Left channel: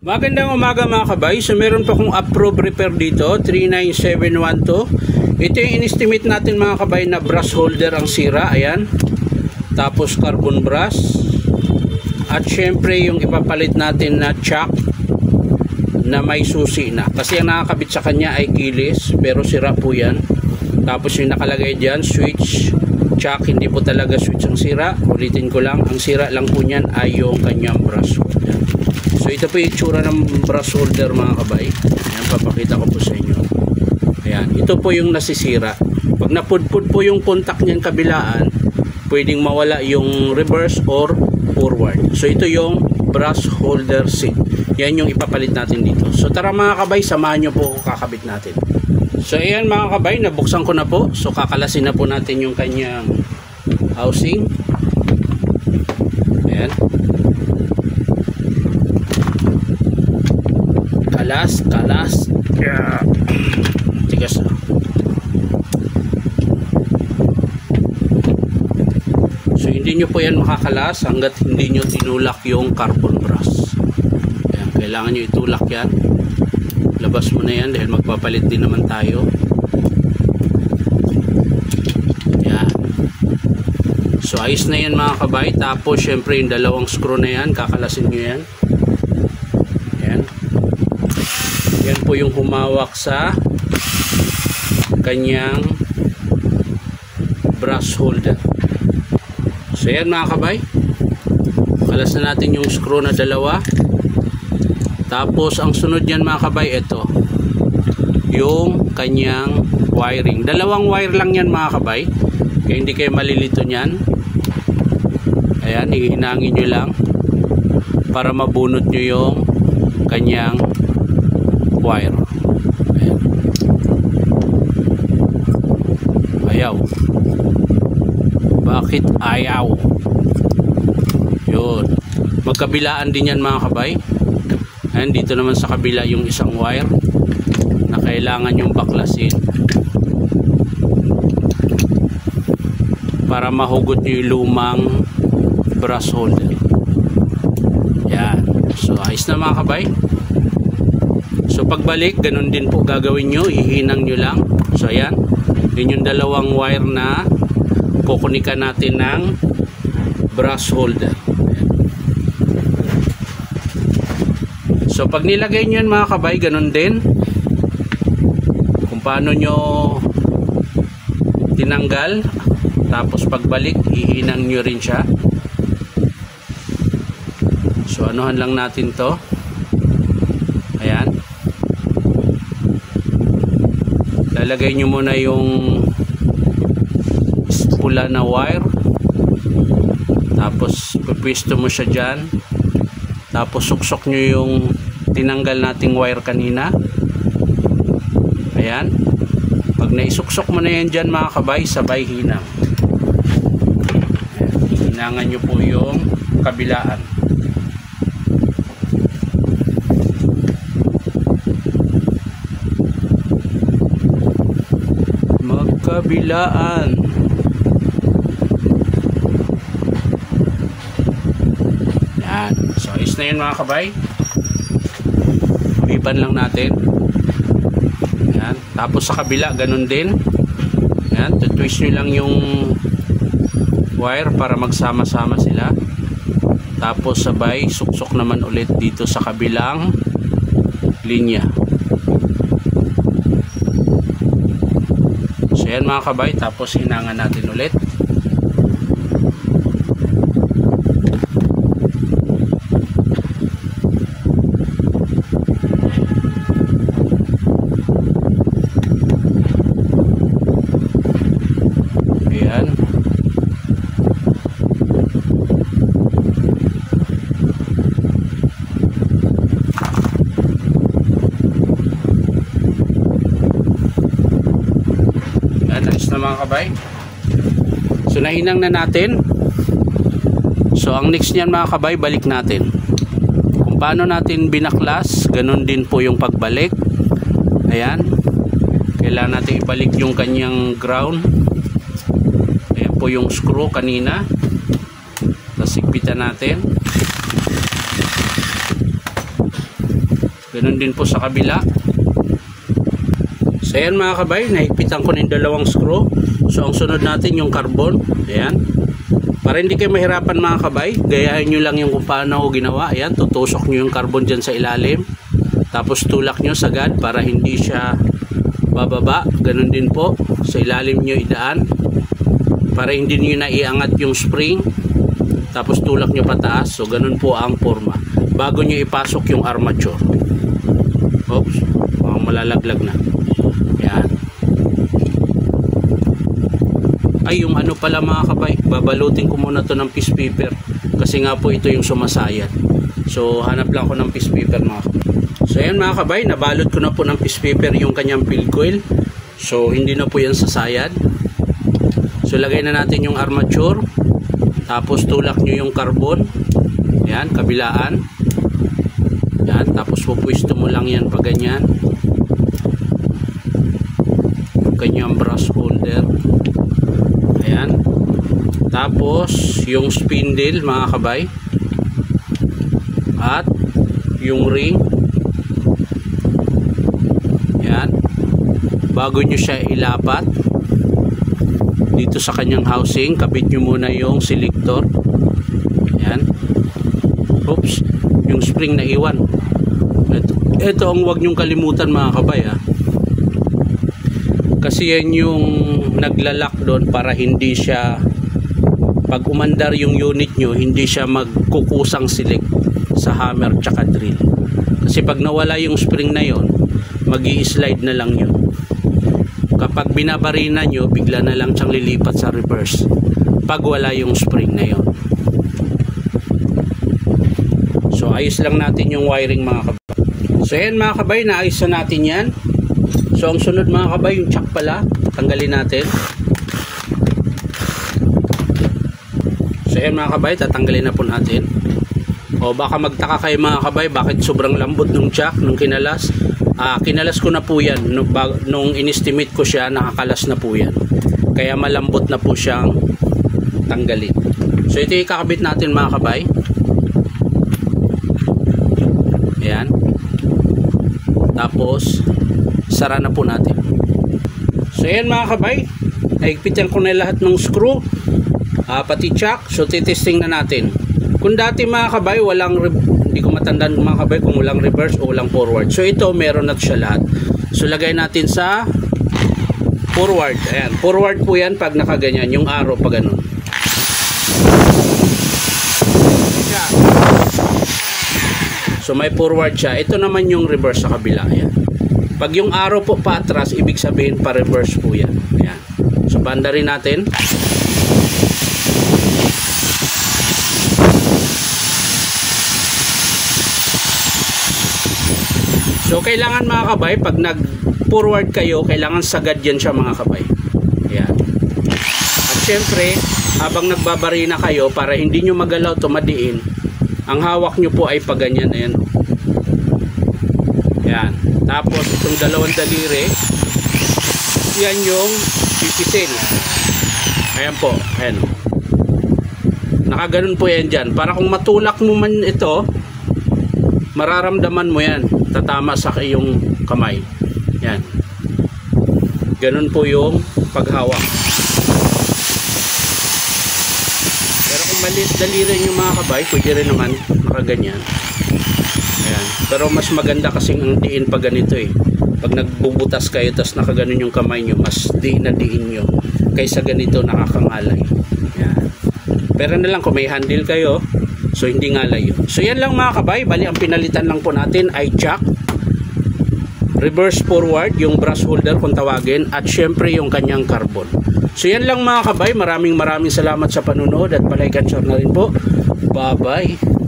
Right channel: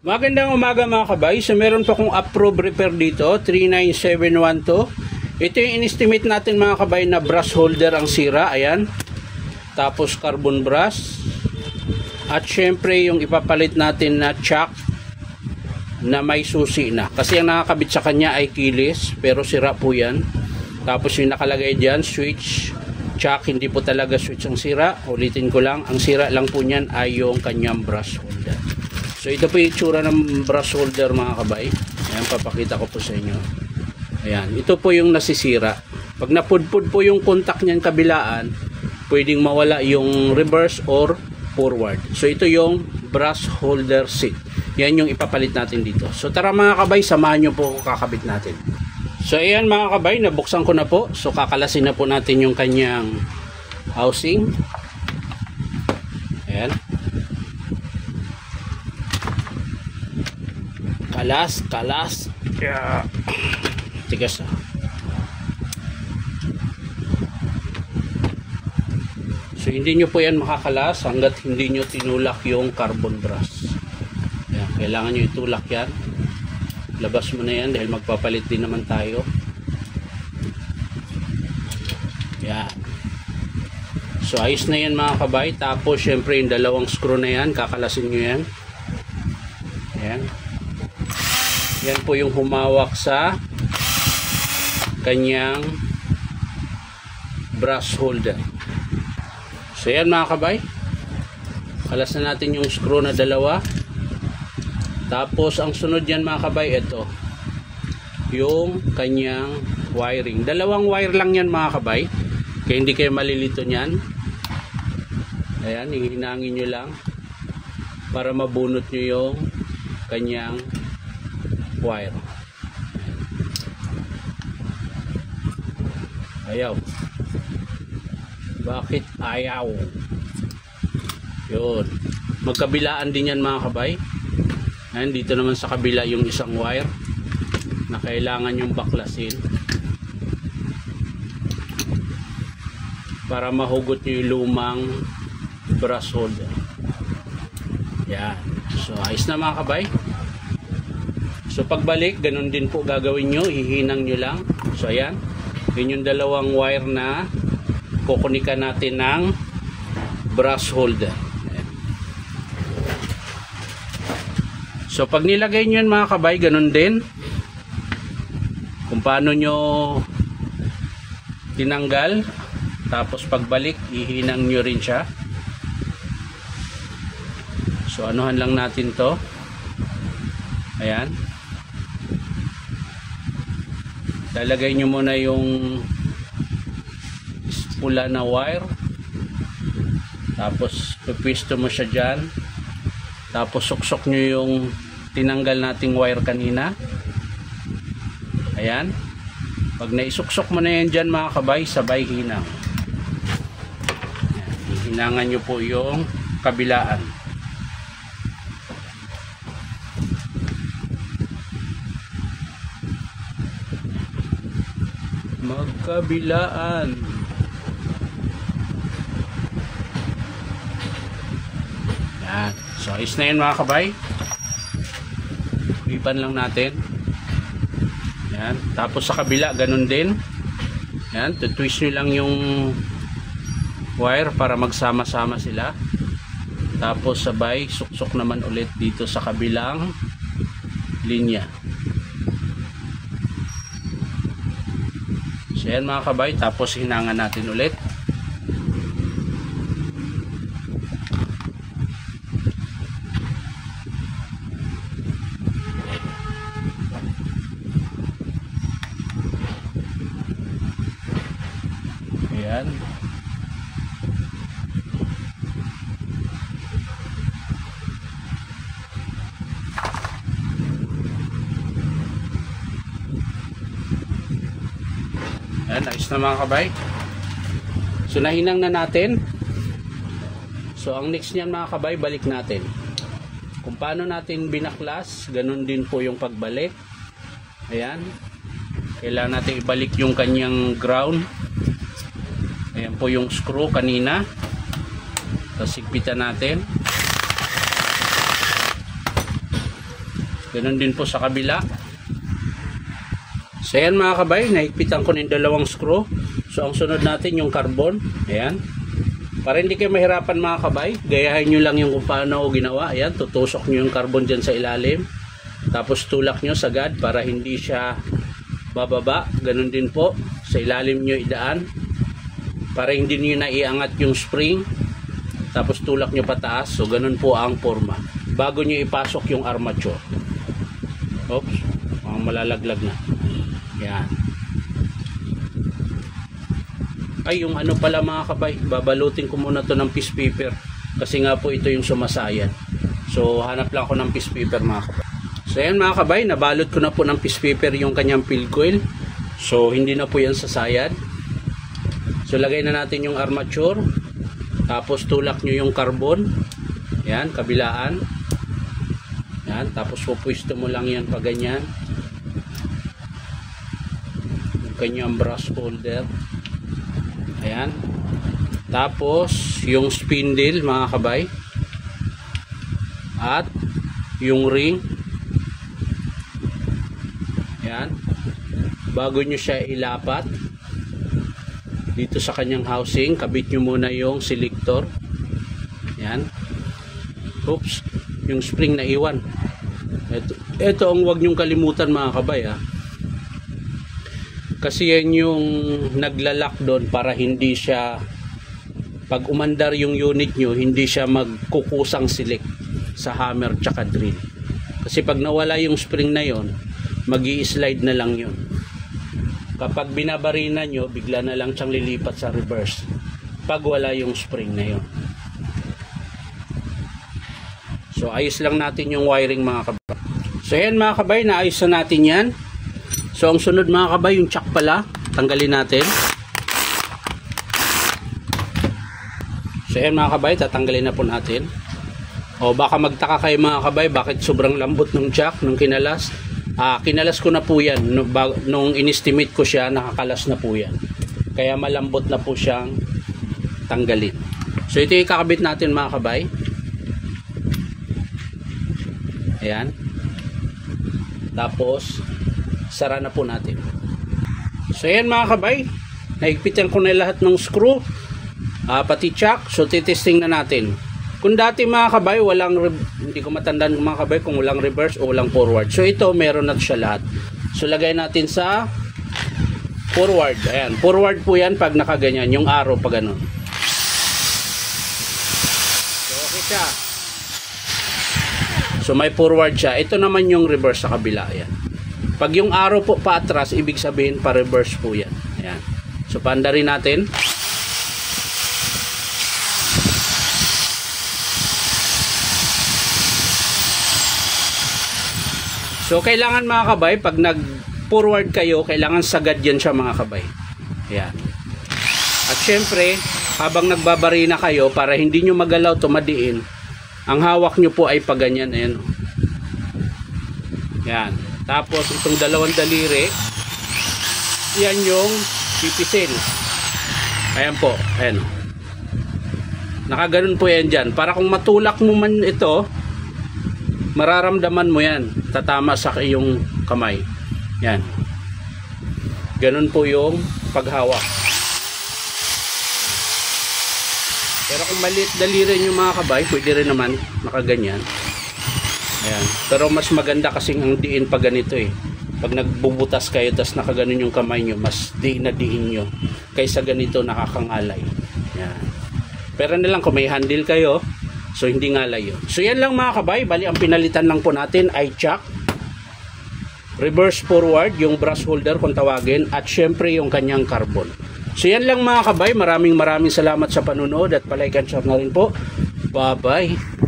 Magandang umaga mga kabay. So meron pa akong approved repair dito, 39712. Ito yung in-estimate natin mga kabay na brush holder ang sira. Ayan. Tapos carbon brush. At syempre yung ipapalit natin na chuck na may susi na. Kasi ang nakakabit sa kanya ay kilis, pero sira po yan. Tapos yung nakalagay dyan, switch, chuck, hindi po talaga switch ang sira. Ulitin ko lang, ang sira lang po niyan ay yung kanyang brush holder. So ito po yung itsura ng brush holder mga kabay. Ayan, papakita ko po sa inyo. Ayan, ito po yung nasisira. Pag napudpud po yung contact niyan kabilaan, pwedeng mawala yung reverse or forward. So ito yung brush holder seat. Yan yung ipapalit natin dito. So tara mga kabay, samahan nyo po kakabit natin. So ayan mga kabay, nabuksan ko na po. So kakalasin na po natin yung kanyang housing. Ayan. Kalas. Yeah. Tigas na. So hindi nyo po yan makakalas hanggat hindi nyo tinulak yung carbon brush. Ayan, kailangan nyo itulak yan. Labas mo na yan dahil magpapalit din naman tayo. Ayan. So ayos na yan mga kabay. Tapos syempre yung dalawang screw na yan, kakalasin nyo yan. Ayan. Yan po yung humawak sa kanyang brush holder. So yan mga kabay, kalas na natin yung screw na dalawa. Tapos ang sunod yan mga kabay, ito yung kanyang wiring. Dalawang wire lang yan mga kabay, kaya hindi kayo malilito nyan. Ayan, hihinangin nyo lang para mabunot nyo yung kanyang wire. Ayan. Ayaw. Bakit ayaw? Yun. Magkabilaan din yan mga kabay. Ayan, dito naman sa kabila yung isang wire na kailangan yung baklasin para mahugot nyo yung lumang brush holder. Yan. So ayos na mga kabay. So pagbalik, ganun din po gagawin nyo, ihinang nyo lang. So ayan, yun yung dalawang wire na kukunikan natin ng brush holder. Ayan. So pag nilagay nyo yan mga kabay, ganun din kung paano nyo tinanggal. Tapos pagbalik, ihinang nyo rin siya. So anuhan lang natin to. Ayan. Lalagay nyo muna yung pula na wire. Tapos pipwisto mo siya dyan. Tapos suksok nyo yung tinanggal nating wire kanina. Ayan. Pag naisuksok mo na yan dyan mga kabay, sabay hinang. Ayan. Hinangan nyo po yung kabilaan. Kabilaan. Yan. So is na yun mga kabay. Ipan lang natin. Yan. Tapos sa kabila ganun din. Yan. Twist nyo lang yung wire para magsama-sama sila. Tapos sabay suksok naman ulit dito sa kabilang linya. Ayan mga kabay, tapos hinangan natin ulit. Ayan. Ayos na mga kabay. So nahinang na natin. So ang next niyan mga kabay, balik natin. Kung paano natin binaklas, ganun din po yung pagbalik. Ayan. Kailangan natin ibalik yung kanyang ground. Ayan po yung screw kanina. Tapos higpitan natin. Ganun din po sa kabila. So ayan mga kabay, nahigpitan ko ng dalawang screw. So ang sunod natin yung carbon. Ayan. Para hindi kayo mahirapan mga kabay, gayahin nyo lang yung kung paano ko ginawa. Ayan, tutusok nyo yung carbon dyan sa ilalim. Tapos tulak nyo sagad para hindi siya bababa. Ganun din po, sa ilalim nyo idaan. Para hindi nyo naiangat yung spring. Tapos tulak nyo pataas. So ganun po ang forma. Bago nyo ipasok yung armature. Oops, malalaglag na. Yan. Ay, yung ano pala mga kabay, babalutin ko muna to ng piece paper kasi nga po ito yung sumasayad. So hanap lang ako ng piece paper mga kabay. So yan mga kabay, nabalot ko na po ng piece paper yung kanyang field coil. So hindi na po yan sasayad. So lagay na natin yung armature. Tapos tulak nyo yung carbon. Yan, kabilaan. Yan, tapos pupwisto mo lang yan pag ganyan. Kanyang brush holder. Ayan. Tapos yung spindle mga kabay. At yung ring. Ayan. Bago nyo siya ilapat dito sa kanyang housing, kabit nyo muna yung selector. Ayan. Oops, yung spring na iwan. Ito ang wag nyong kalimutan mga kabay ha. Kasi yan yung naglalak doon para hindi siya, pag umandar yung unit nyo, hindi siya magkukusang select sa hammer tsaka drill. Kasi pag nawala yung spring na yon, magi-slide na lang yun. Kapag binabarina nyo, bigla na lang siyang lilipat sa reverse pag wala yung spring na yon. So ayos lang natin yung wiring mga kabay. So yan mga kabay, naayos na natin yan. So ang sunod mga kabay, yung chuck pala, tanggalin natin. So yan mga kabay, tatanggalin na po natin. O baka magtaka kayo mga kabay, bakit sobrang lambot ng chuck nung kinalas. Kinalas ko na po yan. Nung in-estimate ko siya, nakakalas na po yan. Kaya malambot na po siyang tanggalin. So ito yung kakabit natin mga kabay. Ayan. Tapos sara na po natin. So ayan mga kabay, naigpitan ko na lahat ng screw, pati chuck. So titesting na natin. Kung dati mga kabay walang, hindi ko matandaan mga kabay kung walang reverse o walang forward. So ito meron na siya lahat. So lagay natin sa forward. Ayan, forward po yan pag nakaganyan, yung arrow pa ganun. So may forward siya. Ito naman yung reverse sa kabila. Ayan. Pag yung arrow po pa atras, ibig sabihin pa reverse po yan. Ayan. So banda rin natin. So kailangan mga kabay, pag nag forward kayo, kailangan sagad yan siya mga kabay. Ayan. At syempre, habang nagbabarina kayo, para hindi nyo magalaw tumadiin, ang hawak nyo po ay paganyan. Ayan. Ayan. Tapos itong dalawang daliri, yan yung pipisil. Ayan po. Ayan. Nakaganon po yan dyan. Para kung matulak mo man ito, mararamdaman mo yan. Tatama sa iyong kamay. Yan. Ganon po yung paghawak. Pero kung maliit daliri yung mga kabay, pwede rin naman nakaganyan. Ayan. Pero mas maganda kasing ang diin pa ganito eh. Pag nagbubutas kayo tas nakaganon yung kamay nyo, mas diin na diin nyo kaysa ganito nakakangalay. Ayan. Pero na lang kung may handle kayo, so hindi ngalay yun. So yan lang mga kabay. Bali ang pinalitan lang po natin ay chuck, reverse forward, yung brush holder kung tawagin, at syempre yung kanyang carbon. So yan lang mga kabay. Maraming salamat sa panunood at palike and share na rin po. Bye bye.